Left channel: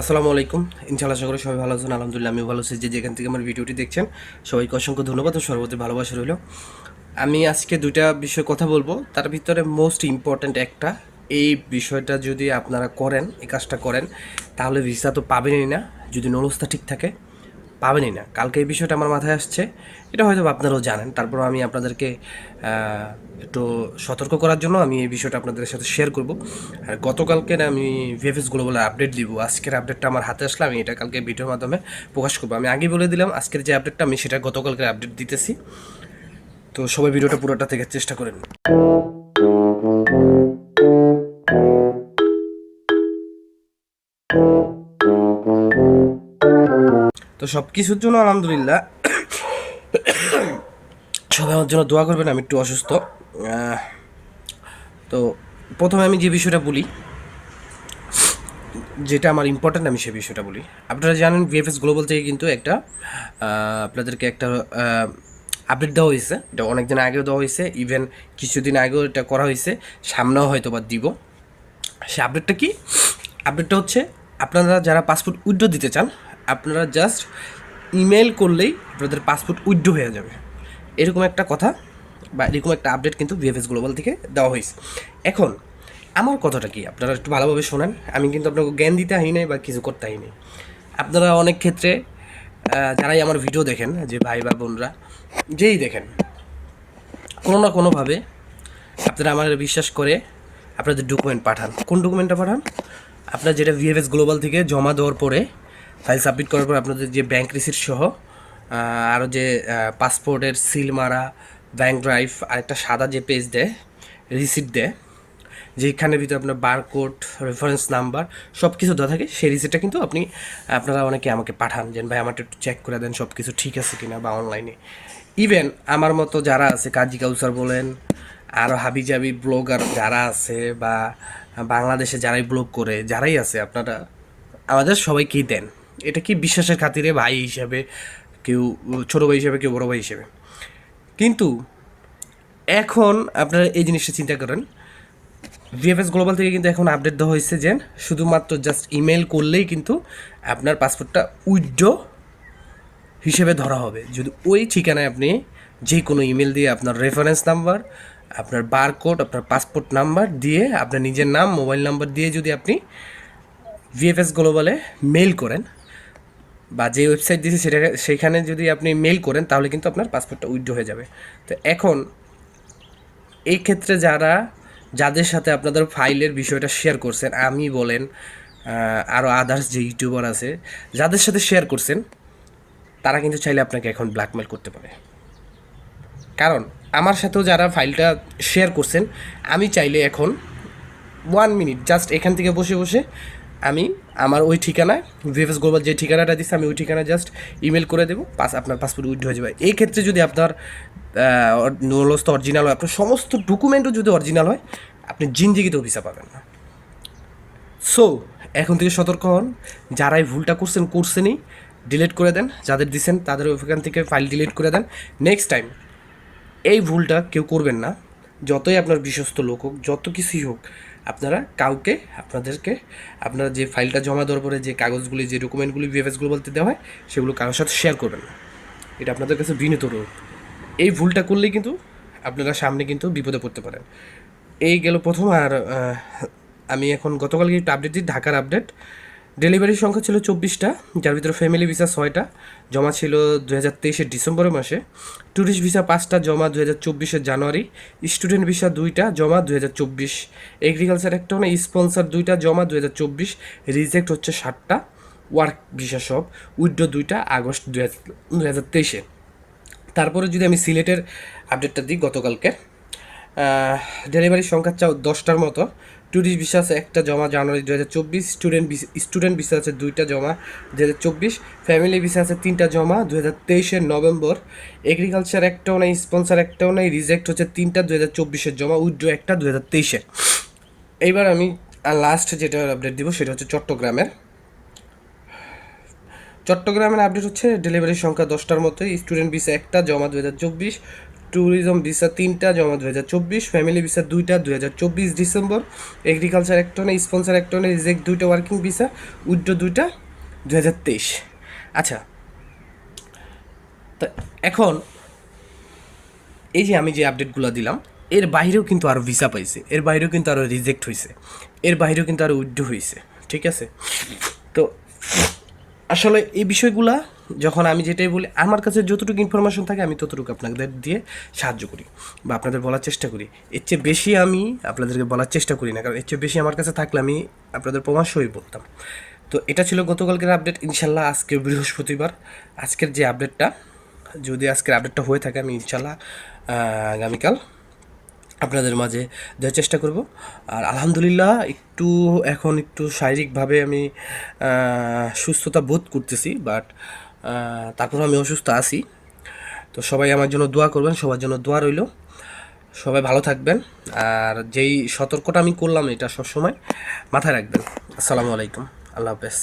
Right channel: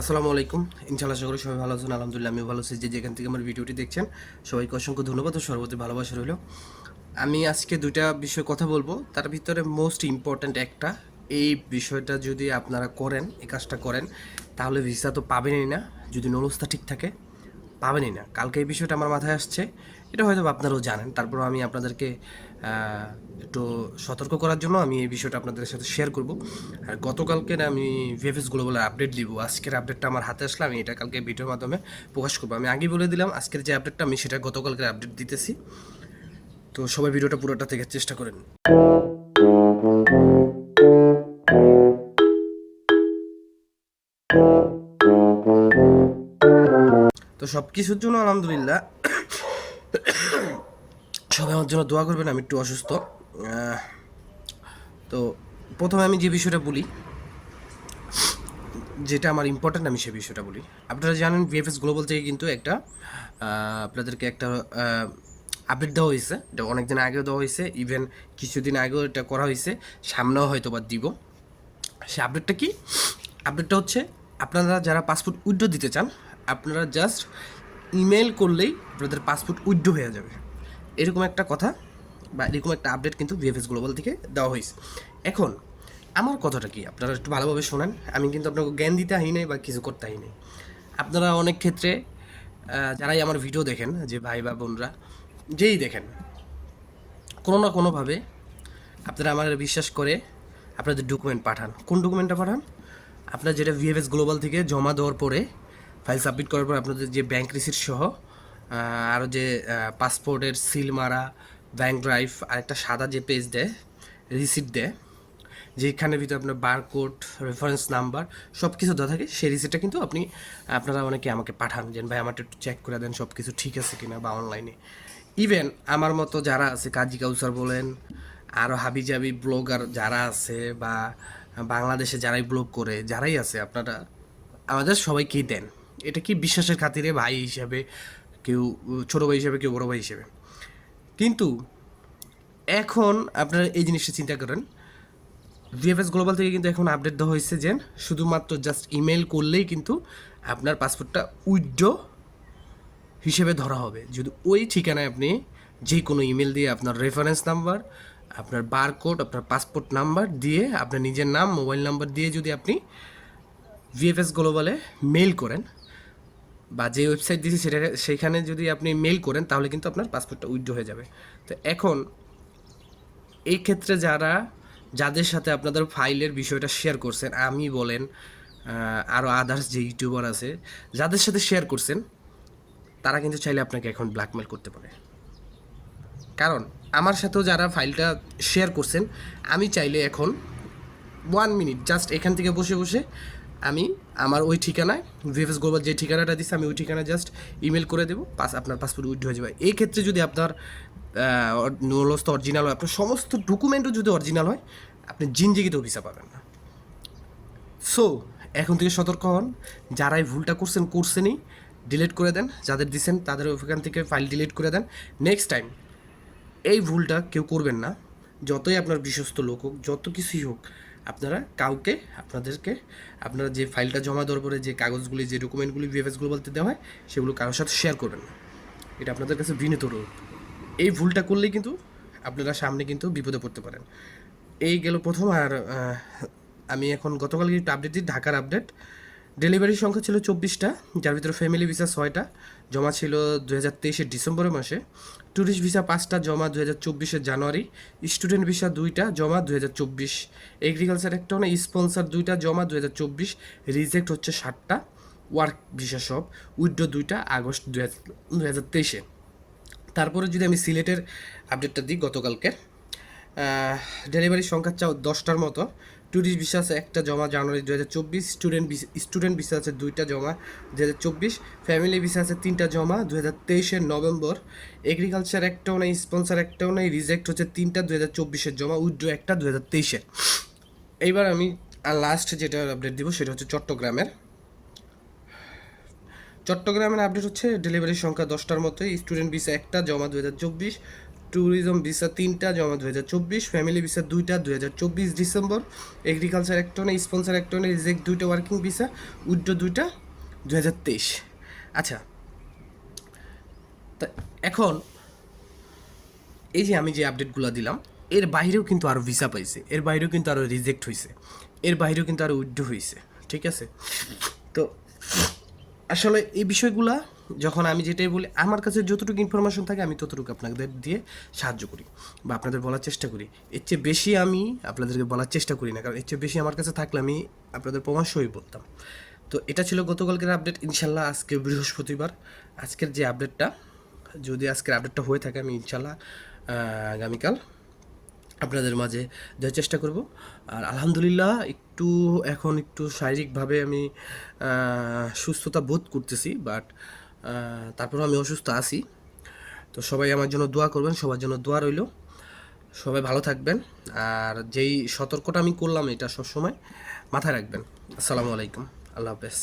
আসসালামু আলাইকুম। ইনশাআল্লাহ আশা করি সবাই ভালো আছেন, আলহামদুলিল্লাহ আমি ভালো আছি। যে যেখান থেকে আমার ভিডিওটি দেখছেন, সবাইকে অসংখ্য ধন্যবাদ ও সর্বতি ভালোবাসা রইল। আমি আজকে দুইটা বিষয় কথা বলব। তার ভিতরে মোস্ট ইম্পর্ট্যান্ট একটা, এই বিষয়টা যদি আপনারা করেন, এই কাজটা করেন, তাহলে ভিসা তো পাবেনই না। যদি নলস্থা ঠিক থাকে পাবেনই না। কালকে এই বিষয়টা আমার মাথায় আসছে। এটা হয়তো আপনারাও জানেন। তারপর আমি আপনাদেরকে একটু সতর্ক করার জন্য আমি এই বিষয়টা আপনাদের সাথে শেয়ার করব। আর গতকালকে আমি ভিএফএস গ্লোবাল আপডেট দিব। আজকের আপডেটটা আমার হাতে আসলে আমি এটা কালকে ভিডিওর মাধ্যমে প্রকাশ করব। আমি আগে বলে দিলাম, আজকের যে আপডেটটা আমি সেটা গতকালকে আপডেট দিতেছি। তো সবাই ভিডিওটা পুরোটা থেকে চেষ্টা করেন। তো সব কিছুর জন্য আলহামদুলিল্লাহ সবাই আমার জন্য দোয়া করবেন, আমি একটু অসুস্থ। তো প্রথমে আমি যে বিষয়টা বলি, যেটা আমার ইম্পর্ট্যান্ট আমি সে বিষয়টা বলি। আপনারা জানেন ভিএফএস গ্লোবাল থেকে কিন্তু একটা আপনাদেরকে একটা আপডেট দেওয়া হয়েছে। এটা অনেকদিন আগেও দেওয়া হয়েছে ইভেন কিছুদিন আগেও এটা করা হয়েছে, সামনেও হয়তো বা দিব। সে আপডেটটা কি? আপডেটটা হচ্ছে, আপনারা যারা পাসপোর্ট উইড্রো দিতে চান আপনারা জাস্ট ইমেল করলেই আপনাদের পাসপোর্ট উইথড্র হয়ে যাবে। এরকম একটা কথা বা এরকম একটা আপডেট কিন্তু ভিএফএস গ্লোবাল থেকে দেওয়া হয়েছে। এখন, আমার কথাটা কি? আপনারা একটু ভালোভাবে শোনেন। আমি কিন্তু আপনাকে জ্ঞান দিতে আহি নাই বা কিছু করতে আহি নাই। আপনারা অনেক ক্ষেত্রে যারাই আমার ভিডিও দেখেন, যে ভাই বা বোনরা, যেই দেখেন, কোনো না কোনোভাবে আপনারা আমার বিশ্বাস করে আপনাদের ডকুমেন্ট পাঠান। কোন ডকুমেন্টটা পাঠান? আপনার যেটা ভিএফএস গ্লোবাল থেকে জমা দেওয়ার পরে ফাইল সাবমিট করার পর আপনাদের যে ব্যাংক রিসিট সহ আরও যে পাসপোর্টের সিল মারা ব্যাঙ্ক ড্রাইভ আর একটা সাদা যে পেজ দেয় রিসিট দেয় যেখানের ভিতরে আপনার বারকোড রেফারেন্স নাম্বার সব কিছু দেওয়া থাকে, সেই রিসিটটা কিন্তু আপনি, আপনারা অনেকে আমাকে পাঠান যে, ভাই, আমারটা একটু চেক করে দেন সব কিছু ঠিক আছে কিনা বা অনলাইনে ইভেন আমার মতো যারা আছে, কাজী কাউসার বলেন আরও হাবিজাবি ব্লগার যারা আছে বা বাংলাদেশে যারাই ব্লগ করে, যারাই আছে, আপনারা আমাদের সবাইকেই দেন। এটা কি বিশ্বাসের খাতিরে ভাই হিসাবে কেউ, ছোটো ভাই হিসাবে কেউ, বড়ো ভাই হিসাবে? কিন্তু এখন আপনারা এই জিনিসটা চিন্তা করেন। ভিএফএস গ্লোবাল থেকে কিন্তু এখন আপডেট দেওয়া হয়েছে যে শুধুমাত্র জাস্ট ইমেল করলেই কিন্তু আপনার পাসপোর্টটা উইথড্র হিসেবে ধরা হবে। যদি ওই ঠিকানায় আপনি যে কোনো ইমেল দিয়ে আপনার রেফারেন্স নাম্বার আপনার বারকোড আপনার পাসপোর্ট নাম্বার দিয়ে আপনার নিজের নাম মোবাইল নাম্বার দিয়ে যদি আপনি ভিএফএস গ্লোবালে মেল করেন বা যে ওয়েবসাইট দিয়েছে সেটা, সেখানে যদি আপনি মেল করেন, তাহলে কিন্তু আপনার পাসপোর্টটা উইথড্র হয়ে যাবে। তো এখন, এই ক্ষেত্রে যারা, যাদের সাথে আপনাদের ফাইলের বিষয়টা শেয়ার করছেন, আমি বলেন আরও আদার্স যে ইউটিউবার আছে, যাদের সাথে শেয়ার করছেন, তারা কিন্তু চাইলে আপনাকে এখন ব্ল্যাকমেল করতে পারে। কারণ, আমার সাথেও যারা ফাইলটা শেয়ার করছেন, আমি চাইলে এখন ওয়ান মিনিট জাস্ট এখান থেকে বসে বসে আমি, আমার ওই ঠিকানায়, ভিএফএস গ্লোবাল যে ঠিকানাটা দিচ্ছে আমি ওই ঠিকানা জাস্ট ইমেল করে দেবো, পাস, আপনার পাসপোর্ট উইথ হয়ে যাবে। এই ক্ষেত্রে যদি আপনার নলস্ত অরিজিনাল হয়, আপনার সমস্ত ডকুমেন্টও যদি অরিজিনাল হয়, আপনি জিনজিগিতেও ভিসা পাবেন। না সো এখন থেকে সতর্ক হন, যারাই ভুলটা করছেন, করছেনই ডিলিট করে দেন, যাদের দিছেন, তাদের ওখান থেকে ফাইল ডিলিট করে দেন। নেক্সট টাইম এই ভুলটা কেউ করবেন না, যতই আপনার বিশ্বস্ত লোক হোক, যত কিছুই হোক আপনারা কাউকে, আপনাদেরকে, আপনারা যে ফাইলটা জমা দেওয়ার পরে যে কাগজগুলি, যে ডকুমেন্টগুলি ভিএফএসগুলো বলতে দেওয়া হয়, সেগুলো কারোর সাথে শেয়ার করবেন না। এটা আপনাদের কাছে বিনীত রোধ এই ভুলটা করলেই কিন্তু আপনারা সামনে কিন্তু বিপদে পড়তে পারেন। এই গেল প্রথম আর আমি এখন গতকালকে একটু আপডেট দিই, ঢাকার আপডেট ডেলিভারির সংখ্যা ছিল চব্বিশটা, যার ভিতরে ফ্যামিলি ভিসা ছয়টা, জমা ছিল দু হাজার তেইশের ডিসেম্বরের মাসে। ট্যুরিস্ট ভিসা পাঁচটা, জমা দু হাজার চব্বিশের জানুয়ারি। স্টুডেন্ট ভিসা দুইটা, জমা দু হাজার চব্বিশ। এগ্রিকালচার একটা না স্পন্সার দুইটা, জমা দু হাজার চব্বিশ। রিজেক্ট হচ্ছে ষাটটা ওয়ার্ক ভিসা সব। উইড্রো দুইটা, আগস্ট দু হাজার দু হাজার তেইশে। তারপরে যদি আমি সিলেটের আপডেটটা দিই গতকালকে ডেলিভারির সংখ্যা চাও দশটার মতো। ট্যুরিস্ট ভিসা আছে একটা জমা জানুয়ারি দু হাজার চব্বিশ, স্টুডেন্ট স্টুডেন্ট ভিসা আছে দুইটা জমা দু হাজার চব্বিশ, ফ্যামিলি ভিসা আছে তিনটা জমা দু হাজার তেইশের নভেম্বর এগ্রিকালচার একটাও নেই স্পন্সার একটাও নেই রিজেক্ট হচ্ছে তিনটা দু হাজার চব্বিশের জমা উইড্রো একটা দু হাজার তেইশের। এইবার আমি লাস্ট যেটা আপডেট দিব সেটা হচ্ছে চট্টগ্রামের। চট্টগ্রামের আপডেট হচ্ছে ডেলিভারির সংখ্যা দশটার মতো স্টুডেন্ট ভিসা একটা, জমা দু হাজার চব্বিশ ট্যুরিজম ভিসা তিনটা, জমা দু হাজার চব্বিশ ফ্যামিলি ভিসা দুইটা দু হাজার চব্বিশ ডিসেম্বর এগ্রিকালচার একটনে স্পন্সার একটনে রিজেক্ট দুইটা ওয়ার্কিং ভিসা উইড্রো দুইটা দু হাজার তেইশ। আচ্ছা তা এখন এই যে আমি যে আপডেটগুলো দিলাম, এর বাইরেও কিন্তু আরও ভিসা পাইছে, এর বাইরেও কিন্তু আরও রিজেক্ট হয়েছে এর বাইরেও কিন্তু আরও উইথড্র হয়েছে ঠিক আছে? তো আসলে এই বিষয়গুলা যখন আমি যেটাই বলি, আমার কাছে যতটুকু ইনফরমেশন থাকে আমি ততটুকু আপনাদের দিয়ে সাহায্য করি বা আপনাদের বলার চেষ্টা করি। এর চেয়ে বেশি আমি আপনাদেরকে বলার চেষ্টা করি না, কারণ এর চেয়ে বেশি আমার কাছে থাকলে আমি আপনাদের প্রমাণ সহই বলতাম। তো এটা ছিল গতকালকের আপডেট ইনশাল্লাহ আজকে বৃহস্পতিবার। আজকের যে আপডেটটা যদি আজকের আপডেটটা হয়ে থাকে আমি ইনশাল্লাহ আগামীকাল আপনাদের মাঝে দেওয়ার চেষ্টা করব। আর আলহামদুলিল্লাহ একটু এখন একটু শারীরিকভাবে আমি সুস্থতা বোধ করতেছি বাট তারপর আমি অসুস্থ আছি। তো সবাই আমার জন্য দোয়া করবেন, সবার জন্য দোয়া রইল। সবাই ভালো থাকবেন। আর যেই সতর্কটা আমি করলাম এটা সবসময় মাথায় রাখবেন। আসসালামু আলাইকুম। আল্লাহ হাফেজ।